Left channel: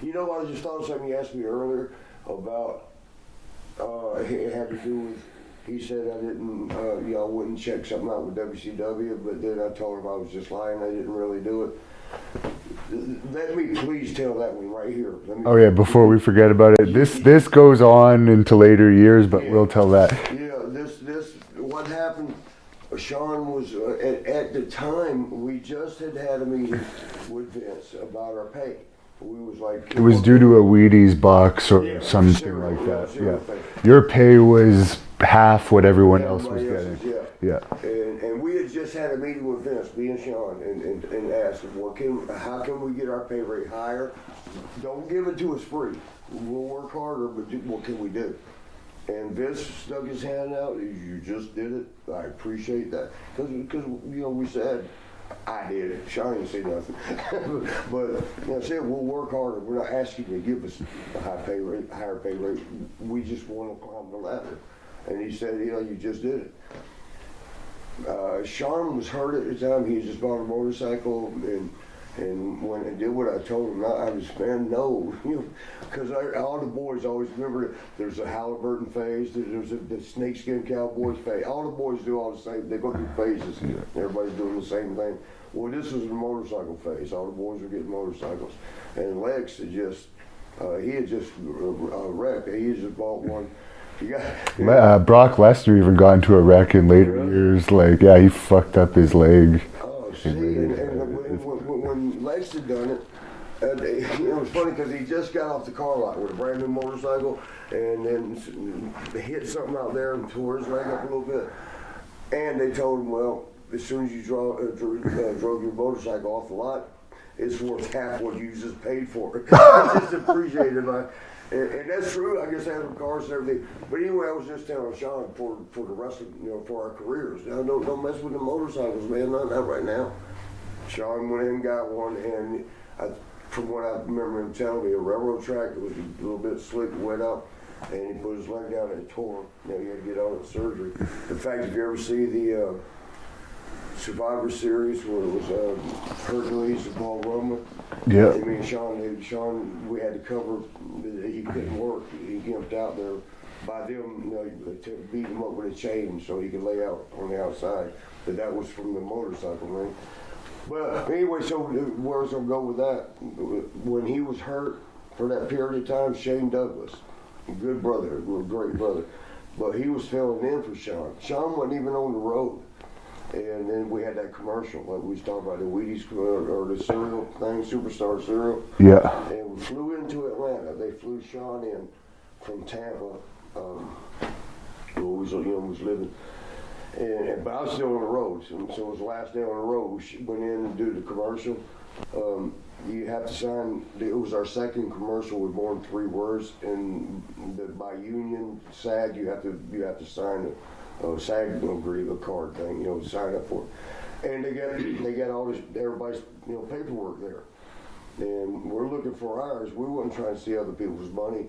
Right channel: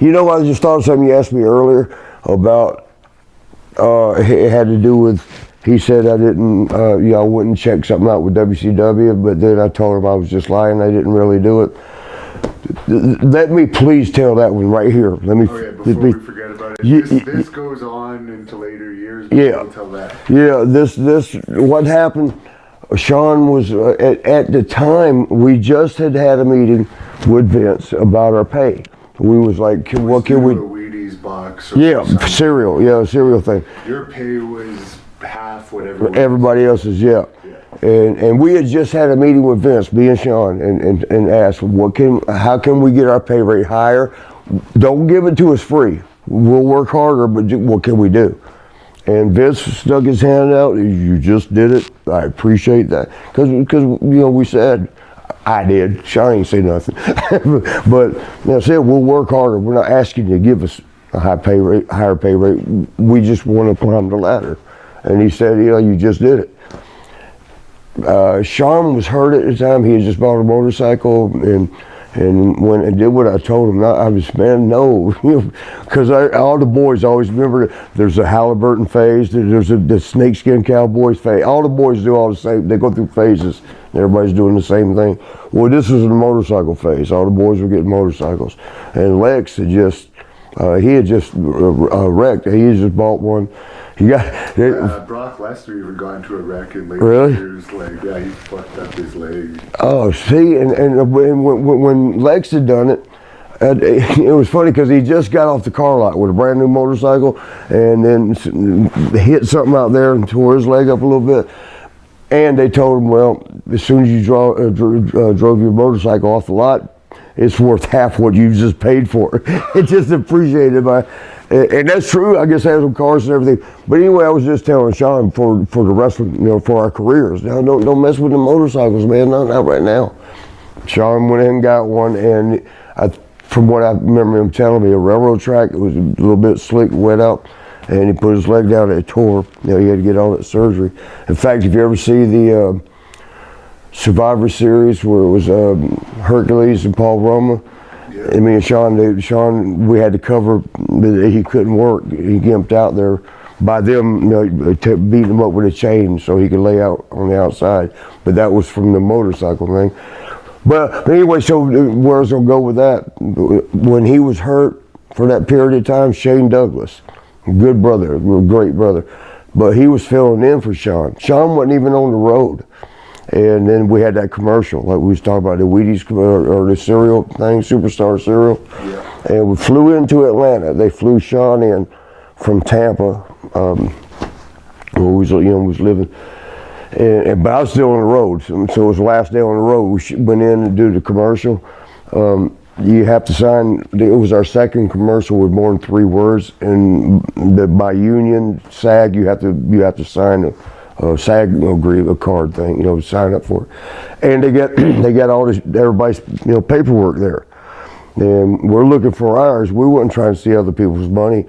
You know, I just thought of something you asked me earlier about, it had to do with, he said I didn't, I wouldn't check something out with WCW, but then I told him I was just lying, I didn't really do it. Let me please tell that one right here. Let me. Oh yeah, before we forget about it, this goes on into later years, but we'll tell that. Yeah, what happened, Shawn was, at the time, we just had a meeting with Vince about our pay. We was like, it was due to a Wheaties box or something. cereal thing. Your pay was half what everybody else's. Yeah. And we had just had a meeting with Vince, me and Shawn, and asked, how can we get our pay rate higher? Don't give it to us free. We'll work harder, but what can we do? And Vince stuck his hand out. You just did it. I appreciate that. Because we said, I did. Shawn ain't say nothing. But I said, we'll work harder. We're not asking you to give us a higher pay rate. We just want to climb the ladder. And he said, you just did it. Shawn was hurt at the time. He had just bought a motorcycle, and when I did what I told him, I was, man, no, because all the boys always remember there's a Halliburton phase, there's the snakeskin cowboys phase. All the boys do all the same. They go through phases. Everybody's doing the same thing. Well, this was the motorcycle phase. All the boys were getting motorcycles, and Lex had just wrecked. He had just bought one. Brock Lesnar even got into a wreck in later years. Like, he fucked up his leg. Oh, see, and when Lex had done it, it was funny because he just got off the car lot with a brand new motorcycle, and then hit something out there and tore his leg up a little bit. And they told him, well, as soon as you drove your motorcycle off the lot, it's worth half what you just paid for. It's just appreciated by. And that's true. I guess I have some cars and everything. But anyway, I was just telling Shawn for the wrestling, for our careers. Now, don't mess with the motorcycles, man. Not right now. Shawn went in and got one, and from what I remember him telling me, a railroad track. It was a little bit slick, wet out, and he put his leg down and it tore. He had to get all that surgery. In fact, if you ever see the Survivor Series where it was Hercules and Paul Roma. Yeah. I mean, Shawn, we had to cover, he couldn't work. He gimped out there by them, beating him up with a chain so he could lay out on the outside. But that was from the motorcycle thing. But anyway, so where I was gonna go with that, when he was hurt for that period of time, Shane Douglas, good brother, great brother, but he was filling in for Shawn. Shawn wasn't even on the road. And then we had that commercial, like we was talking about, the Wheaties or the cereal thing, Superstar cereal. Yeah. And we flew into Atlanta. They flew Shawn in from Tampa, where we was living. But I was still on the road, so it was the last day on the road. We went in and do the commercial. You have to sign. It was our second commercial with more than 3 words, and by union SAG, you have to sign SAG agree a card thing, sign up for it. And they got all this, everybody's paperwork there. And we're looking for ours. We weren't trying to see other people's money,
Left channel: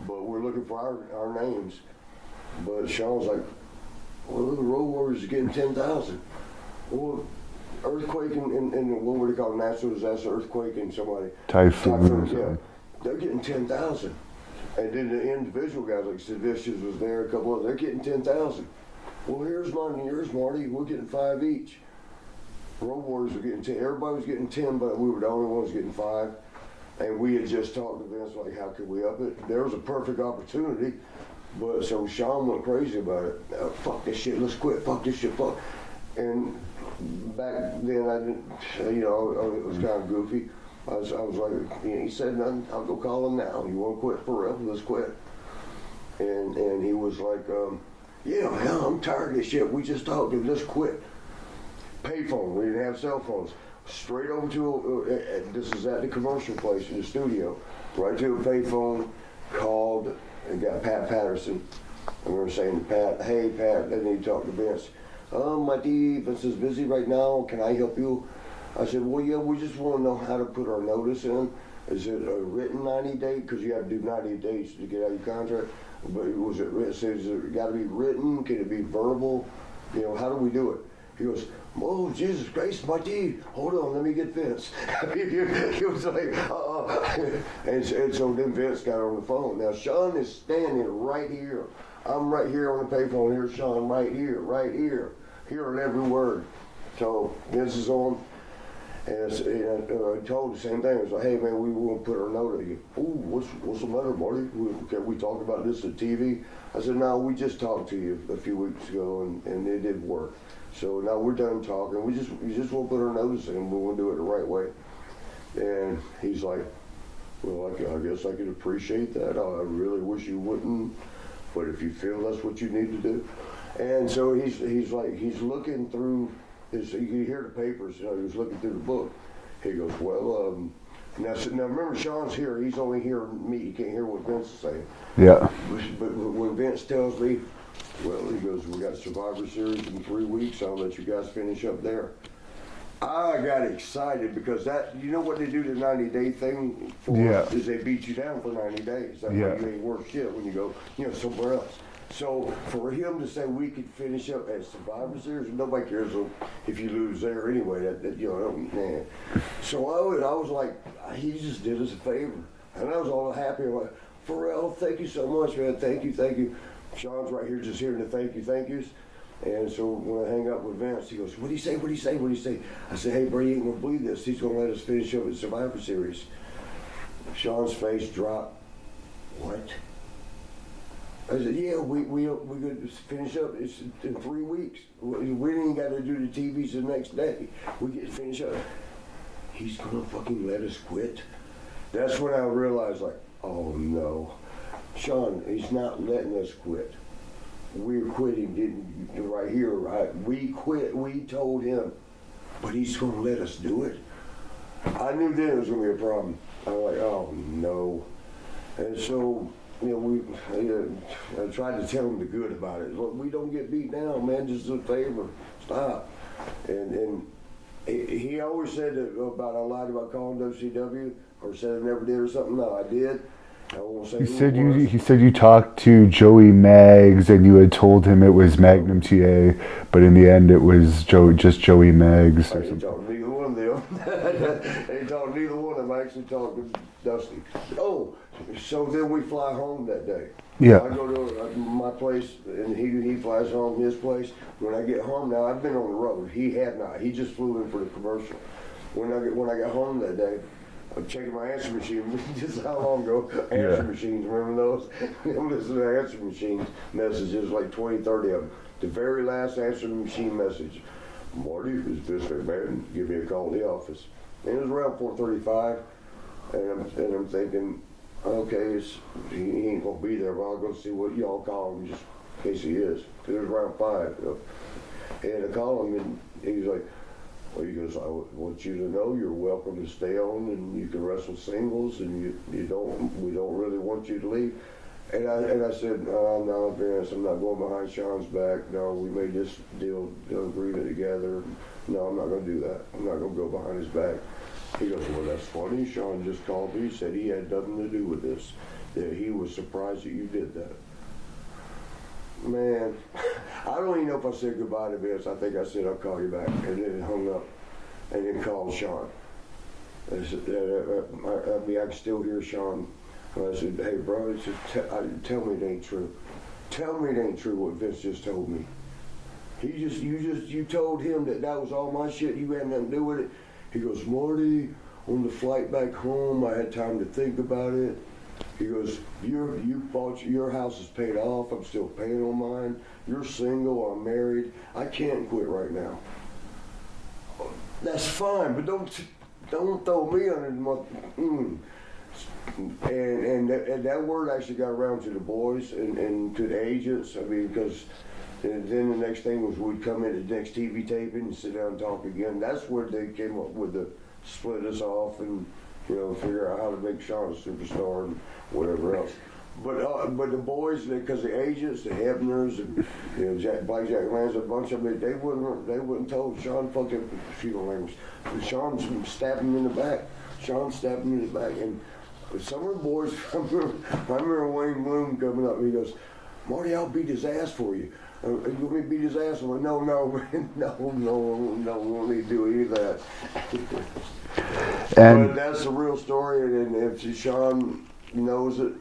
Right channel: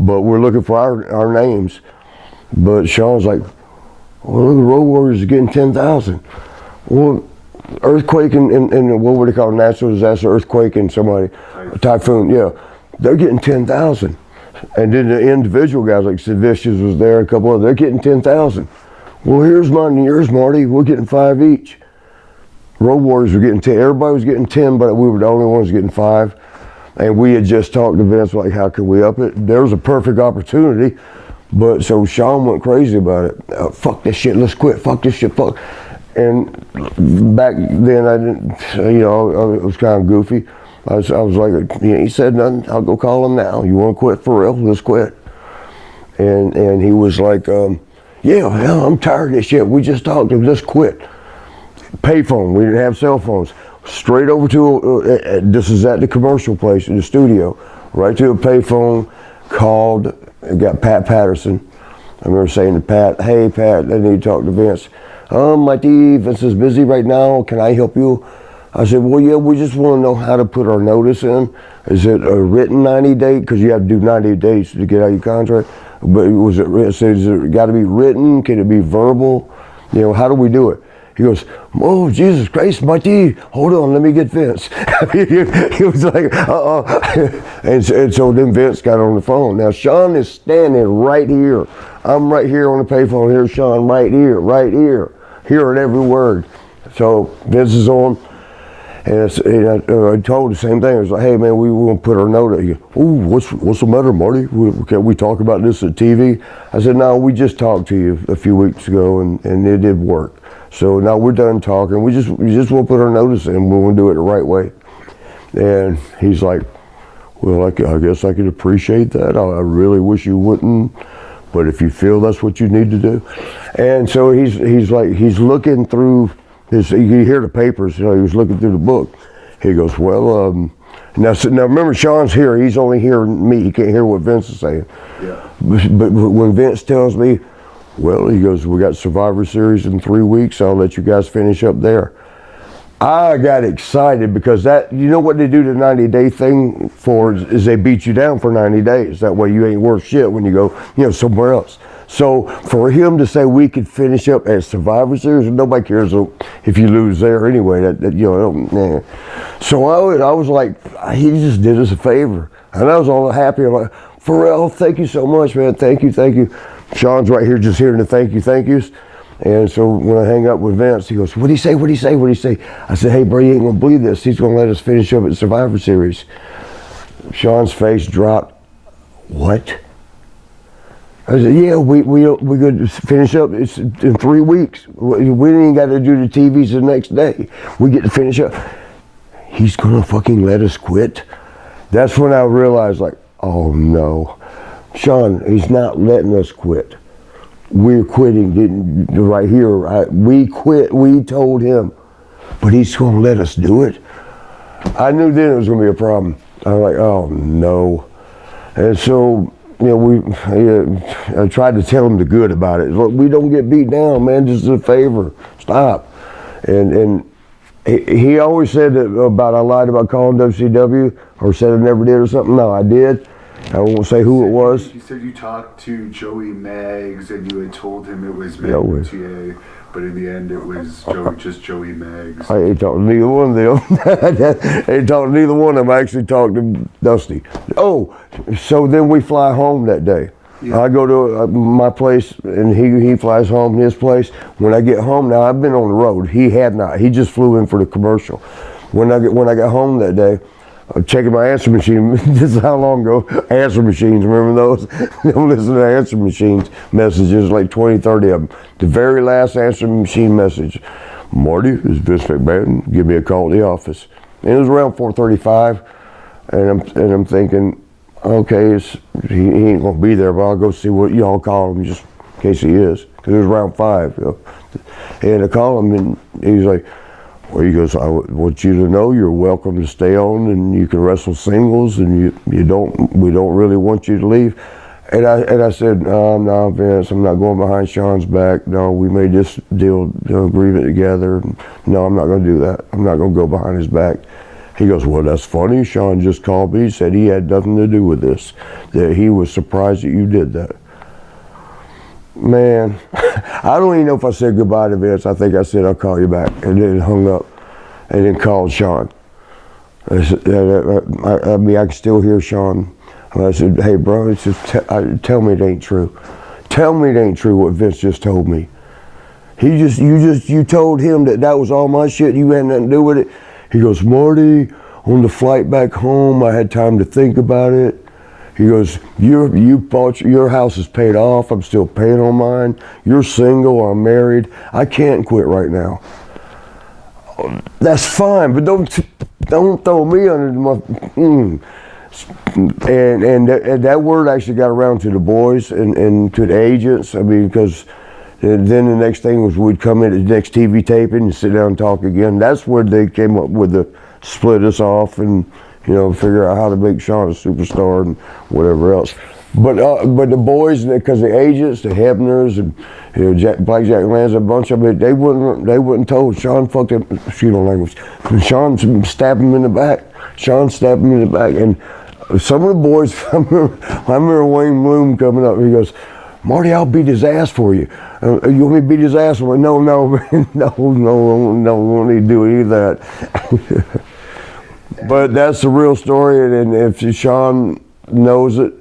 but we're looking for our names. But Shawn's like, well, look, the Road Warriors are getting 10,000. Well, earthquake and what would they call it, natural disaster, earthquake and somebody, typhoon, yeah, they're getting 10,000. And then the individual guys like Sid Vicious was there, a couple of, they're getting 10,000. Well, here's mine and yours, Marty. We're getting 5 each. Road Warriors were getting 10. Everybody was getting 10, but we were the only ones getting 5. And we had just talked to Vince, like, how could we up it? There was a perfect opportunity, but so Shawn went crazy about it. Fuck this shit, let's quit. Fuck this shit, fuck. And back then, I didn't, it was kind of goofy. I was like, he said nothing. I'll go call him now. You want to quit for real? Let's quit. And he was like, yeah, I'm tired of this shit. We just talked. Let's quit. Payphone. We didn't have cell phones. Straight over to this is at the commercial place in the studio. Right to a payphone. Called. Got Pat Patterson. I remember saying to Pat, "Hey Pat, I need to talk to Vince. Marty, Vince is busy right now. Can I help you?" I said, well, yeah, we just want to know how to put our notice in. Is it a written 90 day? Because you have to do 90 days to get out of your contract. But is it got to be written? Can it be verbal? How do we do it? He goes, oh, Jesus Christ, Marty, hold on, let me get Vince. He was like, and so then Vince got on the phone. Now, Shawn is standing right here. I'm right here on the payphone. Here's Shawn right here, hearing every word. So Vince is on, and I told the same thing. I was like, hey, man, we want to put our note. He goes, ooh, what's the matter, Marty? Can we talk about this at TV? I said, no, we just talked to you a few weeks ago, and it did work. So now we're done talking. We just want to put our notice in. We want to do it the right way. And he's like, well, I guess I could appreciate that. I really wish you wouldn't, but if you feel that's what you need to do. And so he's looking through his, you hear the papers, he was looking through the book. He goes, well, now remember, Shawn's here. He's only hearing me. He can't hear what Vince is saying. Yeah. But when Vince tells me, well, he goes, we got Survivor Series in 3 weeks. I'll let you guys finish up there. I got excited because that, you know what they do the 90-day thing for is they beat you down for 90 days. That way you ain't worth shit when you go, somewhere else. So for him to say we could finish up at Survivor Series, nobody cares if you lose there anyway. Nah. So I was like, he just did us a favor, and I was all happy. I'm like, Pharrell, thank you so much, man. Thank you. Shawn's right here just hearing the thank yous. And so when I hang up with Vince, he goes, what'd he say? I said, hey, bro, you ain't gonna believe this. He's gonna let us finish up at Survivor Series. Shawn's face dropped. What? I said, yeah, we're gonna finish up. It's in 3 weeks. We ain't got to do the TVs the next day. We get to finish up. He's gonna fucking let us quit? That's when I realized, like, oh no. Shawn, he's not letting us quit. We're quitting right here. We quit. We told him, but he's going to let us do it. I knew then it was going to be a problem. I was like, oh no. And so, I tried to tell him the good about it. Look, we don't get beat down, man. This is a favor. Stop. And he always said that about I lied about calling WCW or said I never did or something. No, I did. I won't say who it was. He said you talked to Joey Maggs and you had told him it was Matt Luthier, but in the end it was just Joey Maggs. I ain't talking to neither one of them. I ain't talking to neither one of them. I actually talked to Dusty. Oh, so then we fly home that day. Yeah. I go to my place and he flies home to his place. When I get home, now I've been on the road. He had not. He just flew in for the commercial. When I got home that day, I'm checking my answer machine. This is how long ago. Answer machines, remember those? I'm listening to answer machines messages, like 20, 30 of them. The very last answer machine message, Marty, this is Vince McMahon, give me a call at the office. And it was around 4:35, and I'm thinking, okay, he ain't gonna be there, but I'll go see what y'all call him just in case he is. Because it was around 5. And I call him, and he's like, well, he goes, I want you to know you're welcome to stay on, and you can wrestle singles, and we don't really want you to leave. And I said, no, Vince, I'm not going behind Shawn's back. No, we made this deal, agreement together. No, I'm not going to do that. I'm not going to go behind his back. He goes, well, that's funny. Shawn just called me. He said he had nothing to do with this, that he was surprised that you did that. Man, I don't even know if I said goodbye to Vince. I think I said I'll call you back, and then hung up, and then called Shawn. I can still hear Shawn. And I said, hey, bro, it's just tell me it ain't true. Tell me it ain't true what Vince just told me. You told him that was all my shit. You had nothing to do with it. He goes, Marty, on the flight back home, I had time to think about it. He goes, your house is paid off. I'm still paying on mine. You're single. I'm married. I can't quit right now. That's fine, but don't throw me under my. And that word actually got around to the boys and to the agents. I mean, because then the next thing was we'd come in at the next TV taping and sit down and talk again. That's where they came up with the split us off and figure out how to make Shawn a superstar and whatever else. But the boys, because the agents, the Hebners, and Blackjack Lanza, a bunch of it, they wouldn't told Shawn fucked up. Excuse my language. Shawn stabbed him in the back. And some of the boys, I remember Wayne Bloom coming up. He goes, Marty, I'll beat his ass for you. You want me to beat his ass? I'm like, no, we don't need to do any of that. But that's the real story, and if Shawn knows it,